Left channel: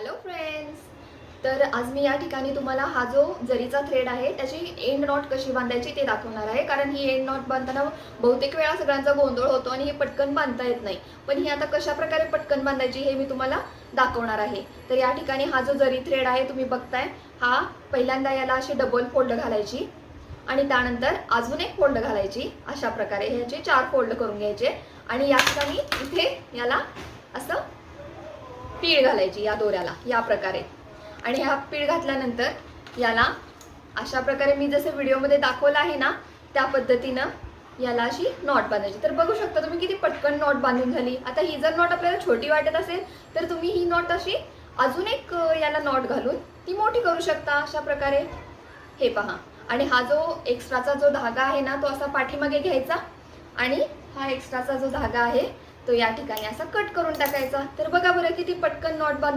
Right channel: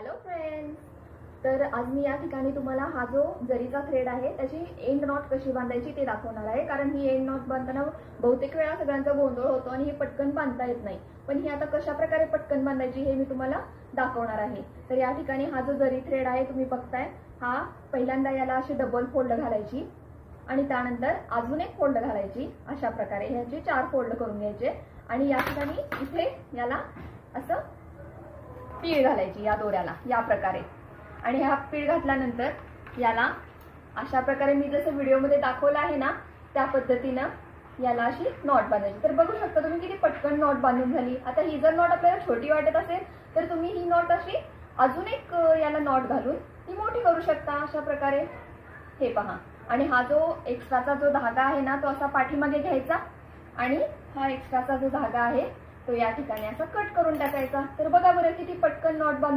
Hello friends. तर आज मी या ठिकाणी तुम्हाला हा जो जरीचा थ्रेड आहे त्याची एंड नॉट कशी बांधायची ते दाखवणार आहे. कारण ही एंड नॉट बांधताना बहुतेक वेळा सगळ्यांचा गोंधळ होतो आणि हे पटकन बांधता येत नाही. पण ही आता कशा प्रकारे पटकन बांधायची हे मी तुम्हाला दाखवणार आहे. तर या ठिकाणी हा जो जरी थ्रेड आहे तुम्ही बघताय, हा पहिल्यांदा याला अशी डबल फोल्ड घालायची आणि त्यानंतर अजून एक फोल्ड घालायची. अशा प्रकारे ह्याचे 4 फोल्ड करून घ्यायचे आणि या ठिकाणी इथे याला असं पीळ घालायची या दोऱ्याला या प्रकारे. आणि हा पीळ घातल्यानंतर याला अशा प्रकारे मी जसं व्हिडिओमध्ये दाखवलं आहे ना त्या पद्धतीनं याला अशी नॉट बांधायची. तर बघू शकता तुम्ही किती पटकन नॉट बांधून झाली. आता ही जर नॉट आपल्याला छोटी वाटत असेल तर तुम्ही ही नॉट अशी अजून एक याला नॉट घालून ती मोठी करू शकता अशा प्रकारे. हे पहा. आणि हा जो एक्स्ट्राचा जो धागा आहे ना तो असा पाठीमागे घ्यायचा आणि हा एक्स्ट्राचा जो धागा आहे तो या ठिकाणी असा कट करून टाकायचा. तर बघा बरं किती पटकन नॉट बांध